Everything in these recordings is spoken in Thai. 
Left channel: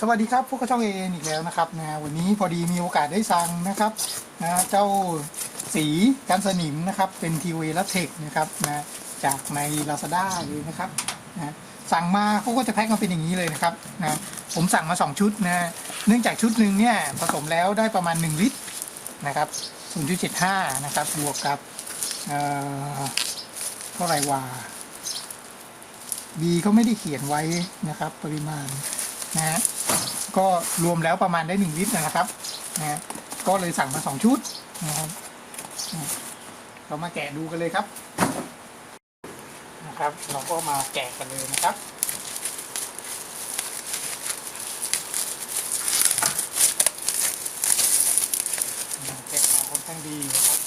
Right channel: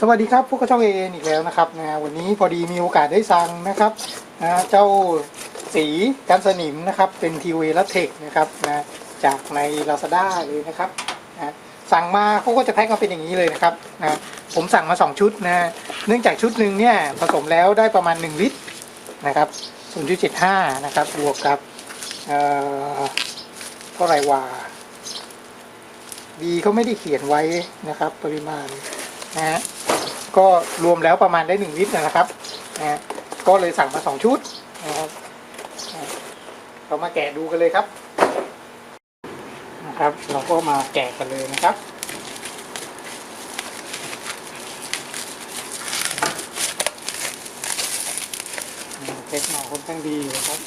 สวัสดีครับพวกช่องเออีกแล้วนะครับวันนี้พอดีมีโอกาสได้สั่งนะครับเจ้าสีกันสนิมนะครับเป็นทีวีและเทคนะครับจากใน Lazada เลยนะครับสั่งมาเขาก็จะแพ็คมาเป็นอย่างนี้เลยนะครับผมสั่งมา2ชุดเนื่องจากชุดหนึ่งเนี่ยผสมแล้วได้ประมาณ1ลิตรนะครับ 0.75 นะครับบวกกับเท่าไหร่ว่าดีเขาไม่ได้เขียนไว้นะครับปริมาณก็รวมแล้วประมาณได้1ลิตรนะครับก็เลยสั่งมา2ชุดนะครับเรามาแกะดูกันเลยครับเราก็มาแกะกันเลยนะครับแพ็คมาค่อนข้างดีนะครับ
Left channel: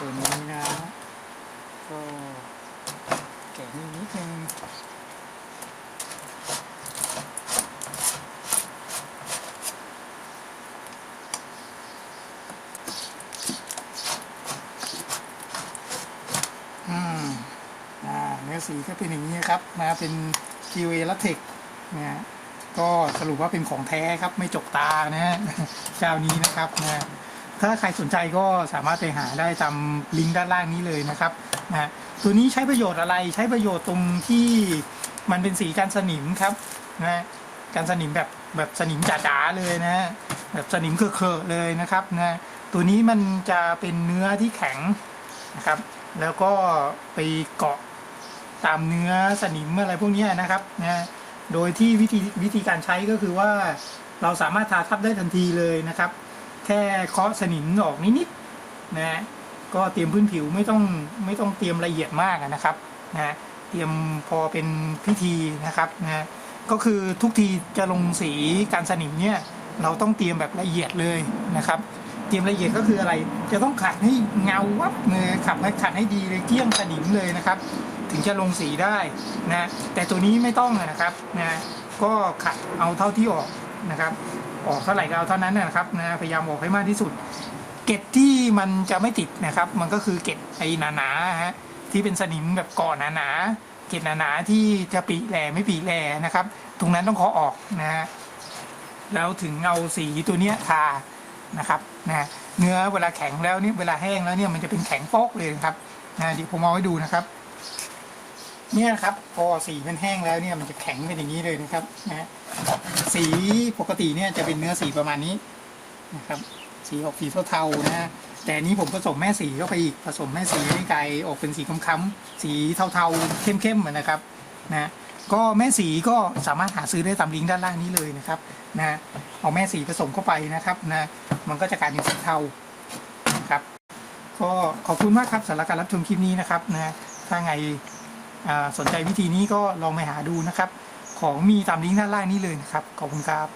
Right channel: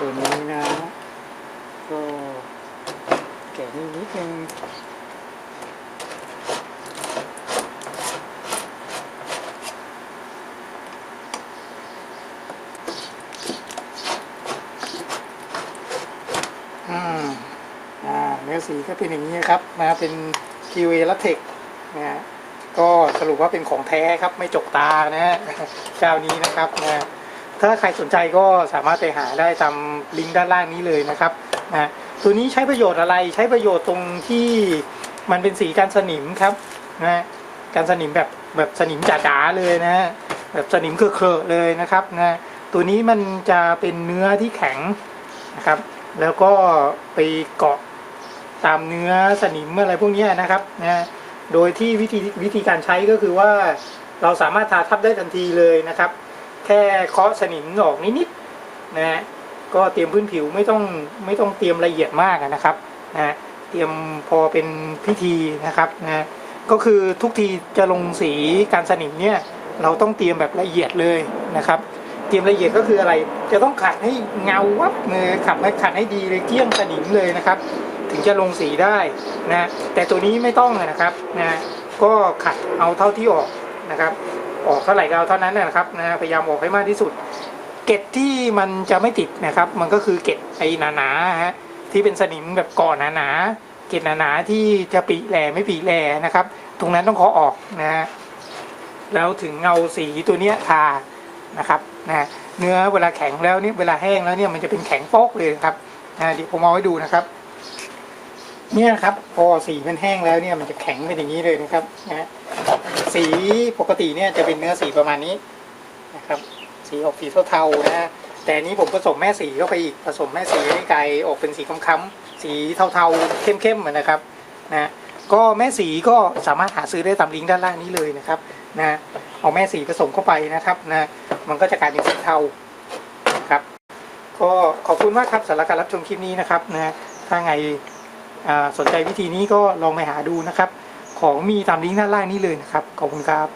ตัวนี้นะก็แกะนิดนึงเนื้อสีก็เป็นอย่างนี้ครับเป็นคิวเอและเทคก็สรุปว่าเป็นของแท้ครับไม่จกตาเจ้านี้นะครับถ้าใครสนใจก็สามารถไปหาได้ตามลิงก์ด้านล่างนี้เลยนะครับตัวนี้ใช้ประโยชน์อะไรใช้ประโยชน์ตรงที่มันเป็นสีกันสนิมครับกันสนิมแบบสนิมจ๋าๆเลยแบบสนิมเคอะๆเลยนะครับตัวนี้มันจะเป็นเนื้อที่แข็งนะครับแล้วก็ไปเกาะตามเนื้อสนิมอะไรพวกนี้นะครับโดยที่วิธีการใช้ก็คือว่าเราสามารถทาทับได้ทันทีเลยนะครับแค่เคาะสนิมออกนิดๆก็เตรียมพื้นผิวไม่ต้องเตรียมละเอียดมากนะครับเตรียมพอเป็นพิธีนะครับก็คือทุกทีจะลงสีการสนิมเนี่ยเราต้องเตรียมแบบละเอียดเลยนะครับเตรียมละเอียดก็คืออะไรจะต้องขัดให้เงาวับขัดให้ดีเลยเกลี้ยงสนิมเลยนะครับถึงจะลงสีได้แต่ตัวนี้ไม่ต้องนะครับก็ขัดเอาเท่าที่ออกนะครับออกเท่าไหร่ก็เอาเท่านั้นนะครับพยายามออกให้มากที่สุดเกล็ดที่มันจะไม่ติดนะครับมันก็คือเกล็ดไอ้หนาๆที่เป็นสนิมแบบเกาะหนาๆเกล็ดหนาๆที่จะปีแหล่ไม่ปีแหล่นะครับตรงนั้นต้องเคาะออกแล้วถึงเอาสีตัวนี้ทานะครับเนื้อเวลาแข็งแล้วนี่เวลาแห้งแล้วเนี่ยมันจะเป็นแข็งโป๊กเลยครับเดี๋ยวผมเอาให้ดูนะครับเนี่ยครับพอสีมันแห้งแล้วเนี่ยมันจะแข็งเป็นอย่างนี้เลยนะครับสีปกติเนี่ยจะเป็นเนื้อสีประมาณนี้นะครับสีออกสีเทาๆแต่นี้ผมผสมแม่สีเข้าไปอีกผสมแม่สีให้กลายออกเป็นสีค้ำๆสีเทาๆเข้มๆนะครับก็แม่สีก็สามารถหาซื้อได้ตามลิงก์ด้านล่างนี้เลยนะครับเอาแม่สีผสมเข้าไปนะครับมันก็จะกลายเป็นสีเทานะครับก็ขอบคุณมากครับสำหรับการรับชมคลิปนี้นะครับถ้าไงสนใจวิธีนี้ก็ลองไปหาดูนะครับของมีตามลิงก์ด้านล่างนี้เลยนะครับขอบคุณครับ